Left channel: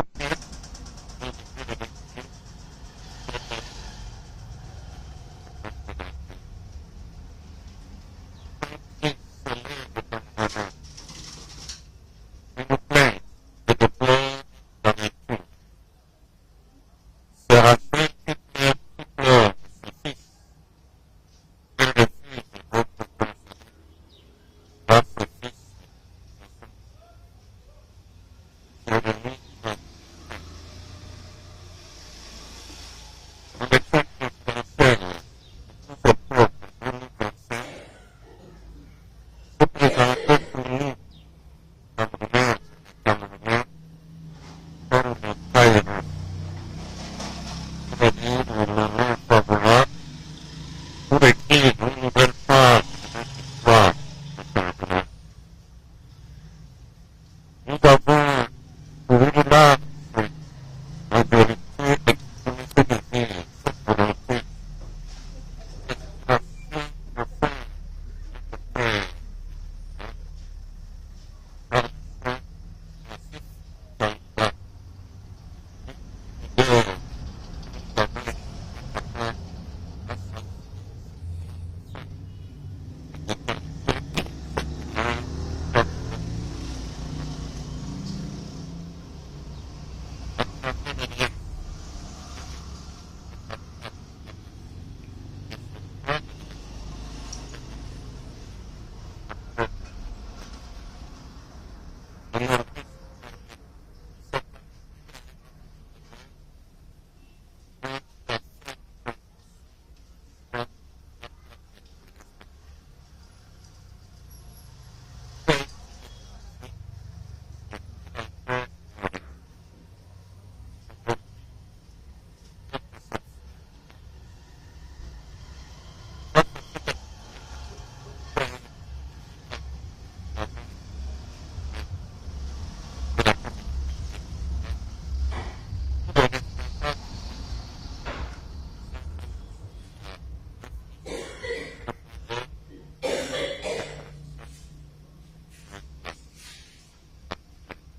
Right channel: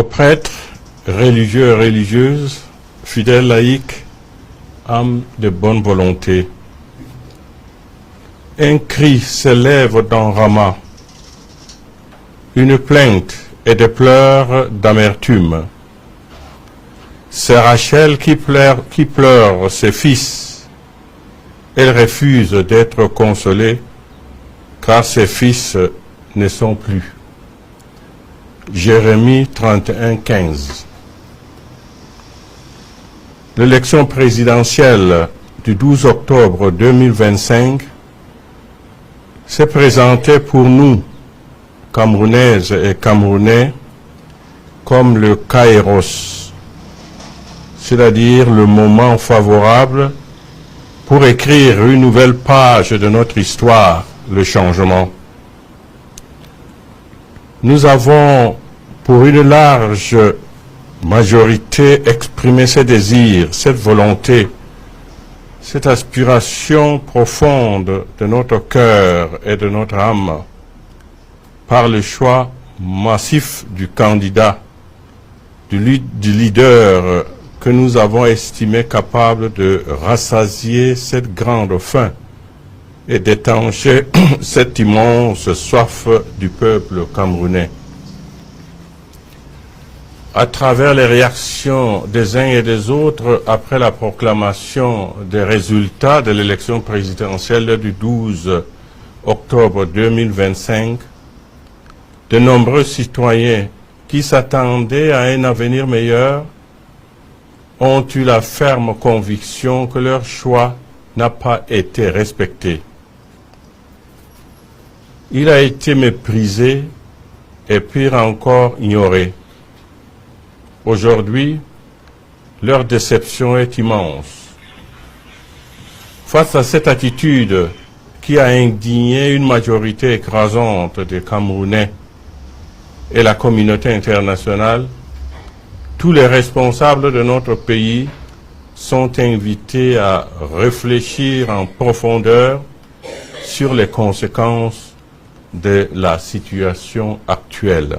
aux prêtres, religieux et religieuses, fidèles laïcs, âmes de bonne volonté. Un cri s'élève dans Rama, une plainte et des pleurs d'amertume. C'est Rachel qui pleure ses fils. Elle refuse d'être consolée car ses fils ne sont plus. Jérémie 31, 15. L'élection présidentielle du 12 octobre 2025 s'est présentée pour nous, Camerounaises et Camerounais, comme le kairos, c'est-à-dire le moment favorable pour écrire une nouvelle page de notre histoire, le changement. Nous avons, pour une large majorité, exprimé ce désir, cette volonté, cette aspiration profonde de notre cœur et de notre âme par le choix massif du candidat, du leader que nous avons estimé capable de rassasier cette grande faim et d'étancher cette immense soif du peuple camerounais. À travers les réactions des uns et des autres après la proclamation des résultats de l'élection présidentielle du 12 octobre 2025, de nombreux citoyens qui s'attendaient à un avenir meilleur ont eu la ferme conviction que leur choix n'a pas été respecté. Il a été méprisé et pire encore ignoré. Aujourd'hui, leur déception est immense. Face à cette attitude qui a indigné une majorité écrasante des Camerounais et la communauté internationale, tous les responsables de notre pays sont invités à réfléchir en profondeur sur les conséquences de la situation actuelle.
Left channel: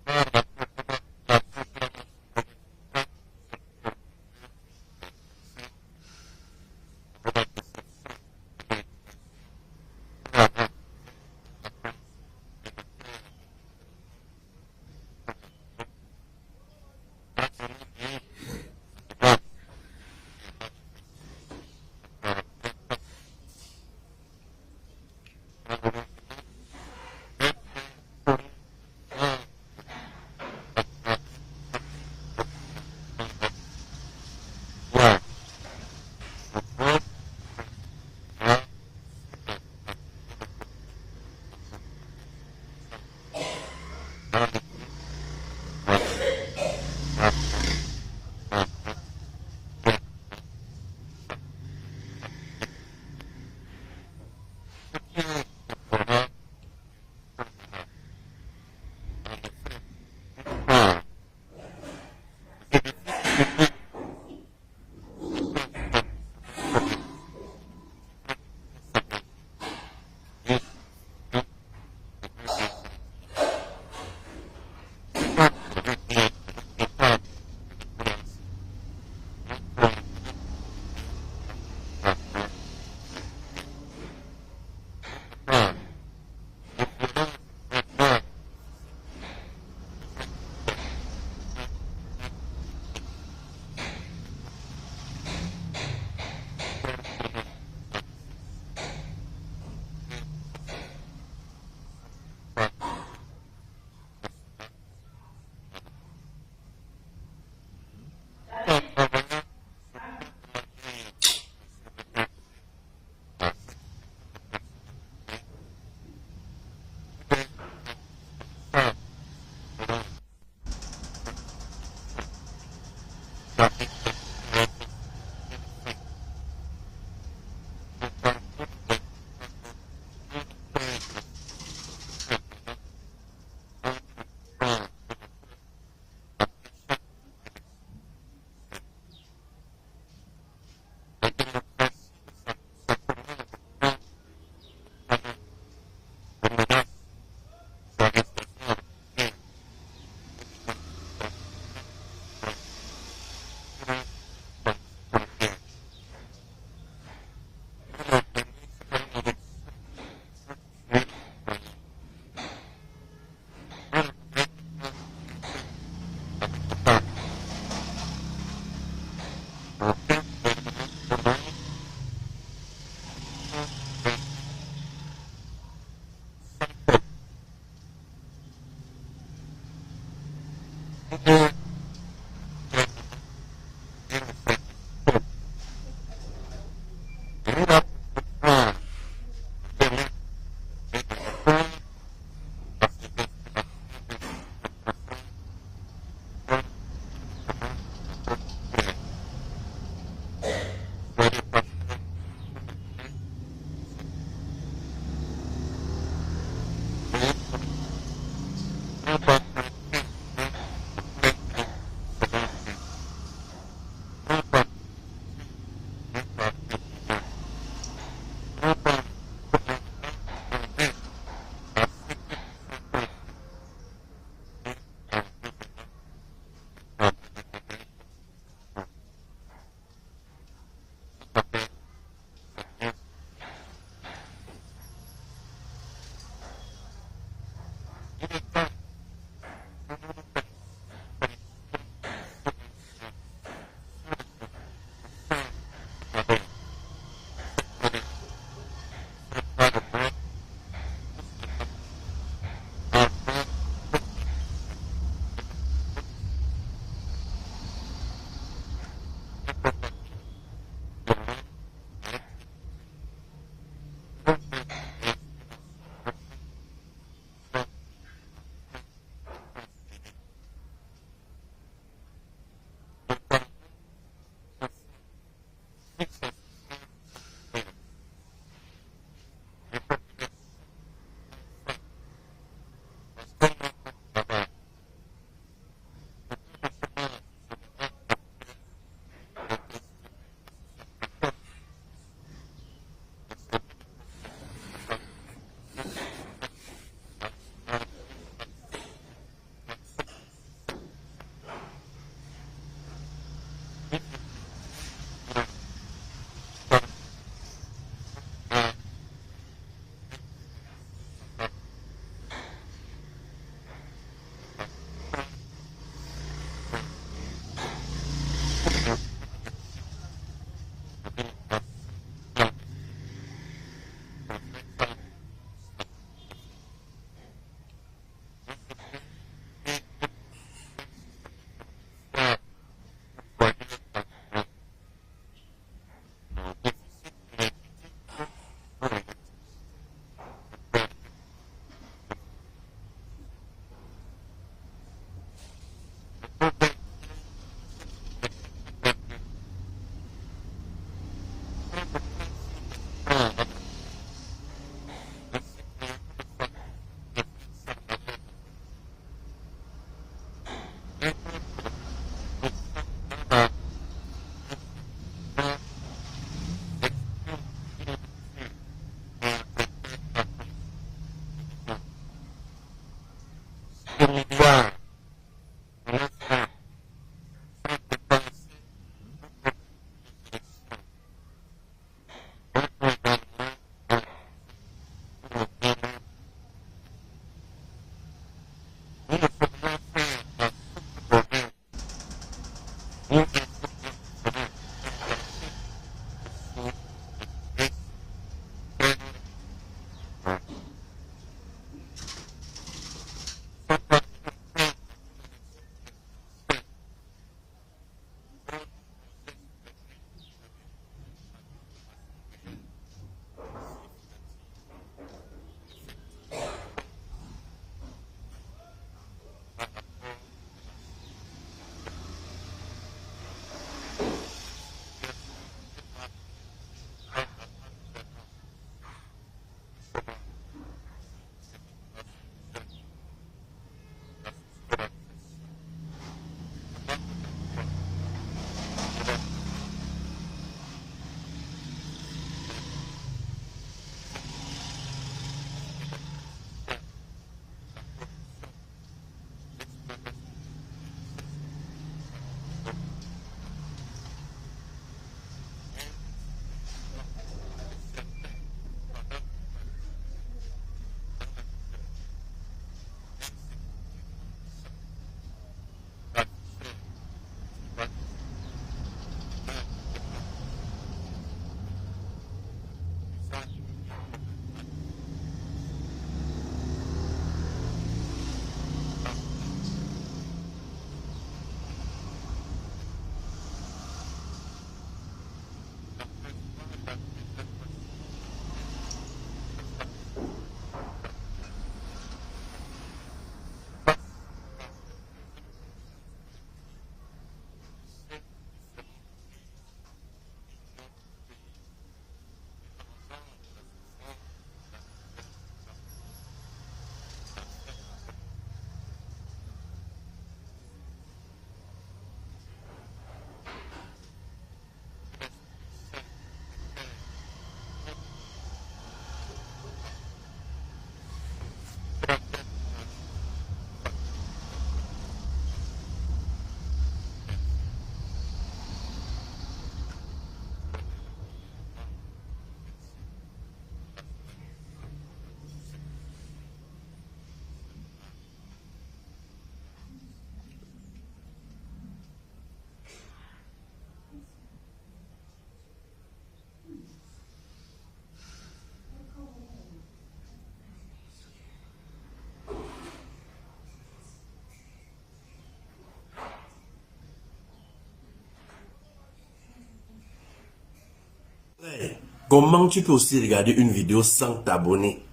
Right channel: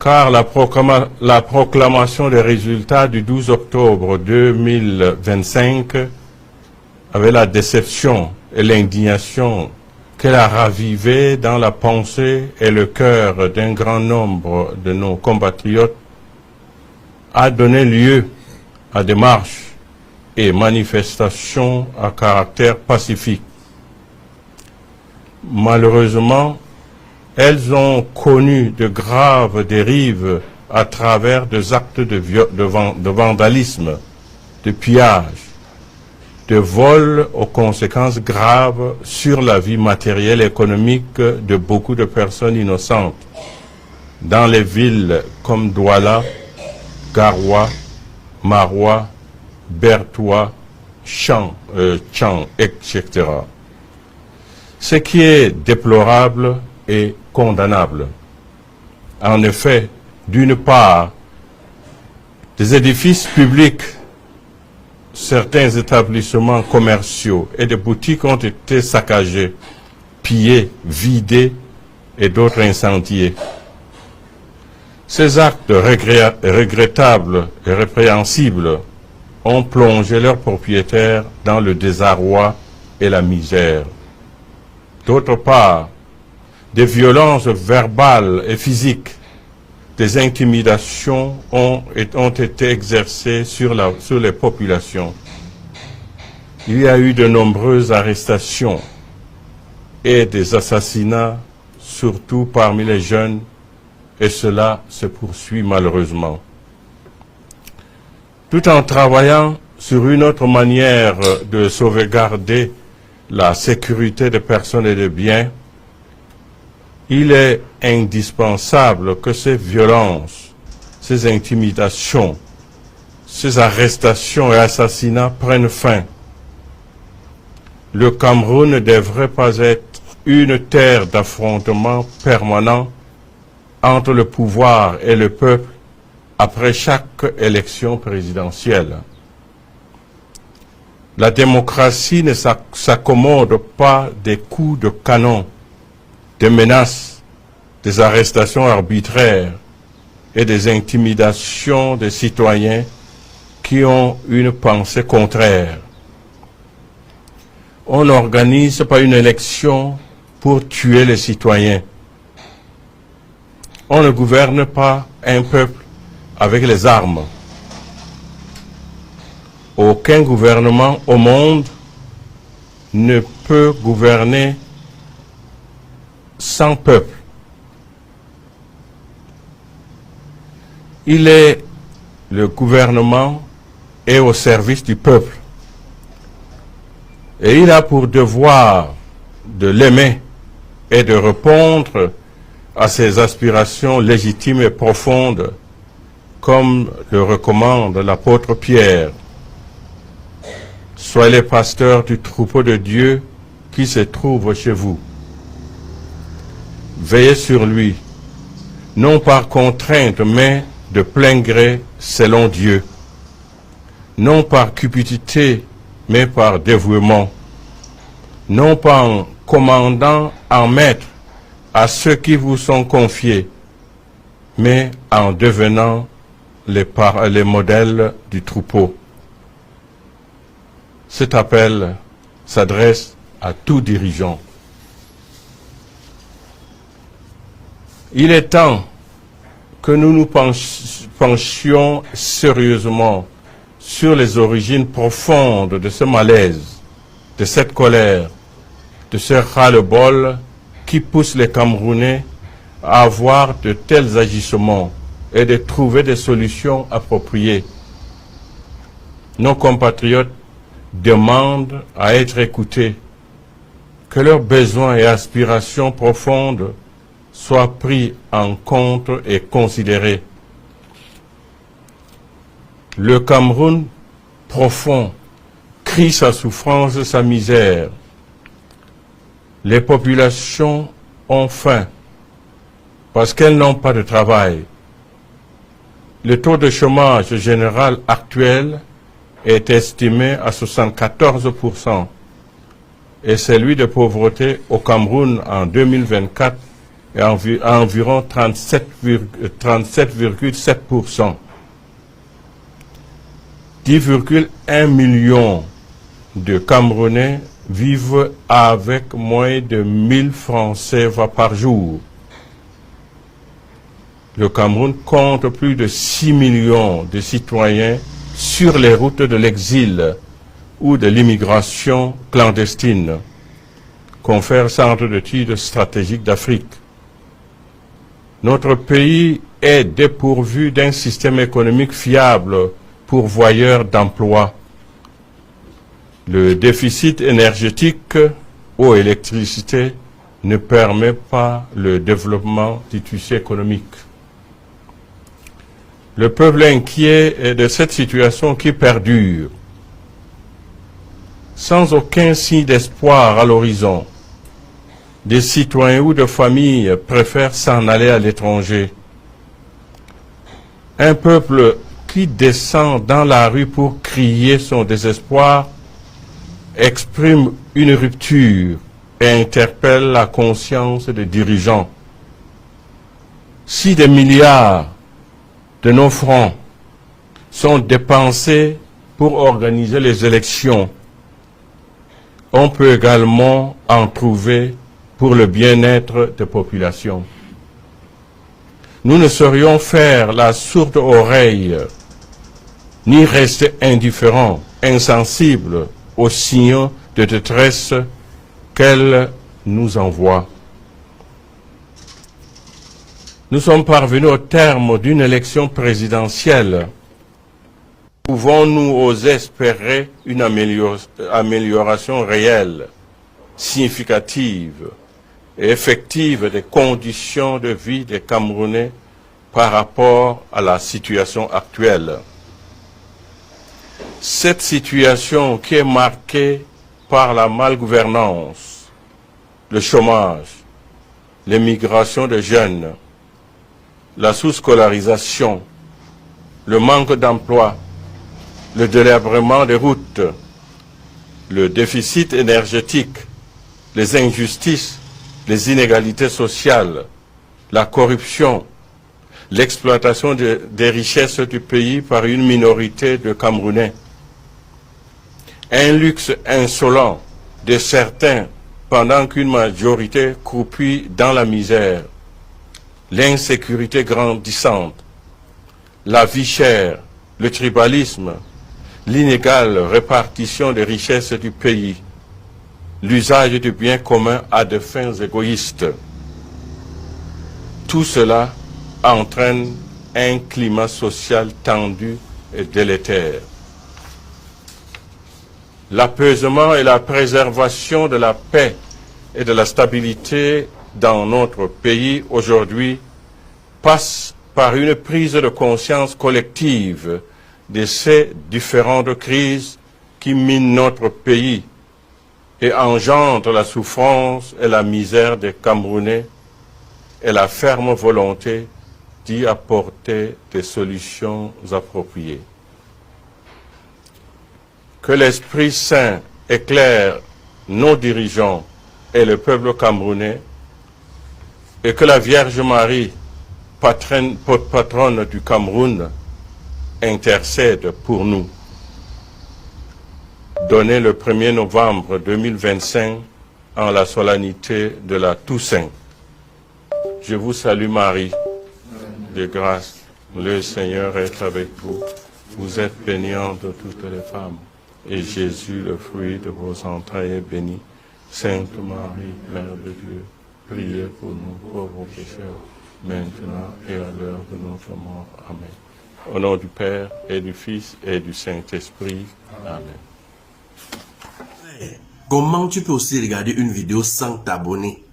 Car la proclamation des résultats du 12 octobre 2025 avait la déception et l'indignation qu'elle a ravivé dans la pensée et le cœur d'un grand nombre de nos compatriotes, a donné lieu à des marches et manifestations à caractère pacifique. Malheureusement, elles ont connu de graves dérives à travers des actes de vandalisme, de pillage, de vol aux conséquences graves sur la vie matérielle et économique de beaucoup de personnes innocentes dans les villes comme Douala, Garoua, Maroua, Bertoua, Chang, etc. Ce qui est déplorable et condamnable. En effet, d'une part, des édifices publics, certains établissements commerciaux et des boutiques ont été saccagés, pillés, vidés et d'autres incendiés. Ces actes regrettables et répréhensibles ont plongé leurs propriétaires dans le désarroi et la misère. D'autre part, des violences verbales et physiques, des intimidations ont été exercées sur les populations. Il y a eu de nombreuses arrestations et des assassinats, surtout parmi les jeunes, et cela se poursuit malheureusement. Tout en travaillant sur une autre manière de sauvegarder la sécurité des personnes et des biens, il est indispensable que ces violences, ces intimidations, ces arrestations et assassinats prennent fin. Le Cameroun ne devrait pas être une terre d'affrontement permanent entre le pouvoir et le peuple après chaque élection présidentielle. La démocratie ne s'accommode pas des coups de canon, des menaces des arrestations arbitraires et des intimidations des citoyens qui ont une pensée contraire. On n'organise pas une élection pour tuer les citoyens. On ne gouverne pas un peuple avec les armes. Aucun gouvernement au monde ne peut gouverner sans peuple. Le gouvernement est au service du peuple. Et il a pour devoir de l'aimer et de répondre à ses aspirations légitimes et profondes, comme le recommande l'apôtre Pierre. Soyez les pasteurs du troupeau de Dieu qui se trouve chez vous. Veillez sur lui, non par contrainte, mais de plein gré selon Dieu. Non par cupidité, mais par dévouement. Non pas en commandant en maître à ceux qui vous sont confiés, mais en devenant les modèles du troupeau. Cet appel s'adresse à tout dirigeant. Il est temps que nous nous penchions sérieusement sur les origines profondes de ce malaise, de cette colère, de ce ras-le-bol qui pousse les Camerounais à avoir de tels agissements et de trouver des solutions appropriées. Nos compatriotes demandent à être écoutés, que leurs besoins et aspirations profondes soient pris en compte et considérés. Le Cameroun profond crie sa souffrance, sa misère. Les populations ont faim parce qu'elles n'ont pas de travail. Le taux de chômage général actuel est estimé à 74% et celui de pauvreté au Cameroun en 2024 est à environ 37,7%. 10,1 millions de Camerounais vivent avec moins de 1000 francs CFA par jour. Le Cameroun compte plus de 6 millions de citoyens sur les routes de l'exil ou de l'immigration clandestine, confère Centre d'études stratégiques d'Afrique. Notre pays est dépourvu d'un système économique fiable pourvoyeur d'emplois. Le déficit énergétique ou électricité ne permet pas le développement du tissu économique. Le peuple inquiet est de cette situation qui perdure, sans aucun signe d'espoir à l'horizon. Des citoyens ou de familles préfèrent s'en aller à l'étranger. Un peuple qui descend dans la rue pour crier son désespoir exprime une rupture et interpelle la conscience des dirigeants. Si des milliards de nos francs sont dépensés pour organiser les élections, on peut également en trouver pour le bien-être des populations. Nous ne saurions faire la sourde oreille, ni rester indifférents, insensibles aux signaux de détresse qu'elle nous envoie. Nous sommes parvenus au terme d'une élection présidentielle. Pouvons-nous oser espérer une amélioration réelle, significative et effective des conditions de vie des Camerounais par rapport à la situation actuelle? Cette situation qui est marquée par la malgouvernance, le chômage, l'émigration de jeunes, la sous-scolarisation, le manque d'emploi, le délabrement des routes, le déficit énergétique, les injustices, les inégalités sociales, la corruption, l'exploitation des richesses du pays par une minorité de Camerounais, un luxe insolent de certains pendant qu'une majorité croupit dans la misère, l'insécurité grandissante, la vie chère, le tribalisme, l'inégale répartition des richesses du pays, l'usage du bien commun à des fins égoïstes. Tout cela entraîne un climat social tendu et délétère. L'apaisement et la préservation de la paix et de la stabilité dans notre pays aujourd'hui passent par une prise de conscience collective de ces différentes crises qui minent notre pays et engendrent la souffrance et la misère des Camerounais et la ferme volonté d'y apporter des solutions appropriées. Que l'Esprit Saint éclaire nos dirigeants et le peuple camerounais et que la Vierge Marie, patronne du Cameroun, intercède pour nous. Donné le 1er novembre 2025 en la solennité de la Toussaint. Je vous salue Marie, de grâce, le Seigneur est avec vous. Vous êtes bénie entre toutes les femmes, et Jésus, le fruit de vos entrailles, est béni. Sainte Marie, Mère de Dieu, priez pour nous pauvres pécheurs, maintenant et à l'heure de notre mort. Amen. Au nom du Père, et du Fils, et du Saint-Esprit. Amen. Comment tu peux aussi regarder une vidéo sans t'abonner?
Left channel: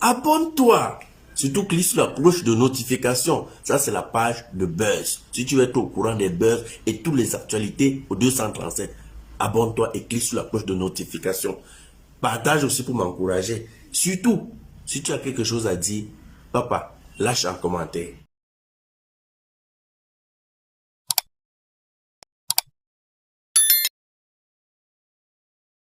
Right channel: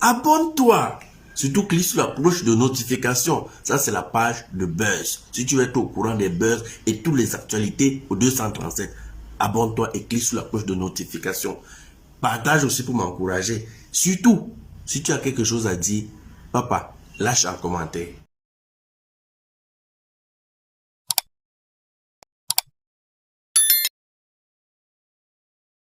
Abonne-toi! Surtout clique sur la cloche de notification. Ça, c'est la page de Buzz. Si tu veux être au courant des buzz et toutes les actualités au 237, abonne-toi et clique sur la cloche de notification. Partage aussi pour m'encourager. Surtout, si tu as quelque chose à dire, papa, lâche un commentaire.